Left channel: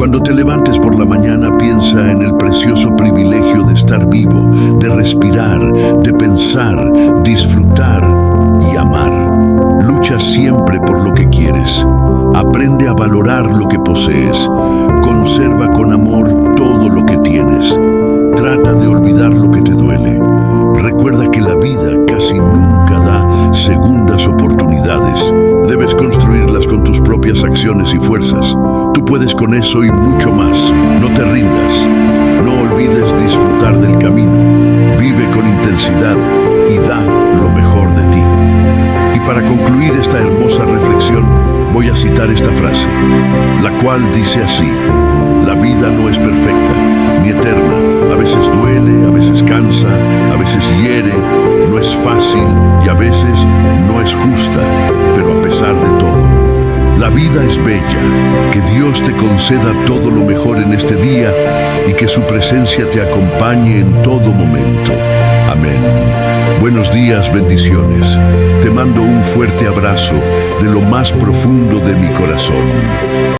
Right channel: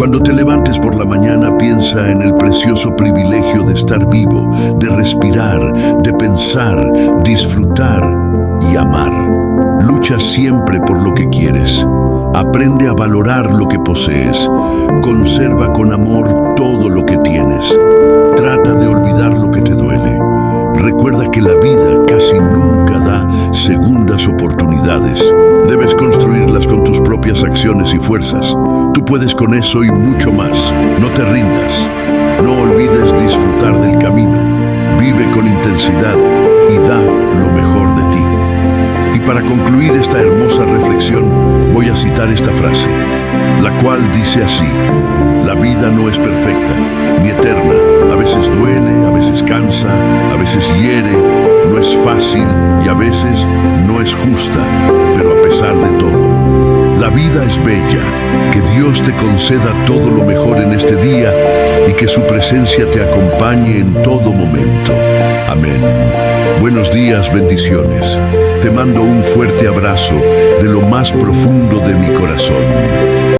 Cuando te levantes por la mañana, piensa en el precioso privilegio de estar vivo, de respirar, de pensar, disfrutar y amar. Lucha siempre por lo que quieres. Aprende a valorar lo que posees. Conserva con amor todo lo que tienes. Trata de olvidar lo que te duele. Recuerda que la vida casi nunca da segundas oportunidades. Debes construirlas con tus propias acciones y fuerzas. Tú puedes con eso y mucho más. No te rindas. No olvides disfrutar del camino. Vive con intensidad y da lo mejor de ti. Y para concluir esta hermosa reflexión, voy a citar esta frase, la cual dice así: la vida no es perfecta, ni eterna. A veces duele, a veces cansa, a veces hiere, no es fácil y a veces no es justa, pero a pesar de todo, la vida es bella. Que Dios te conceda todo lo mejor en este día y que su presencia te acompañe en todo momento. Amén. Buenos días, bendiciones. Te mando un fuerte abrazo de lo más profundo de mi corazón.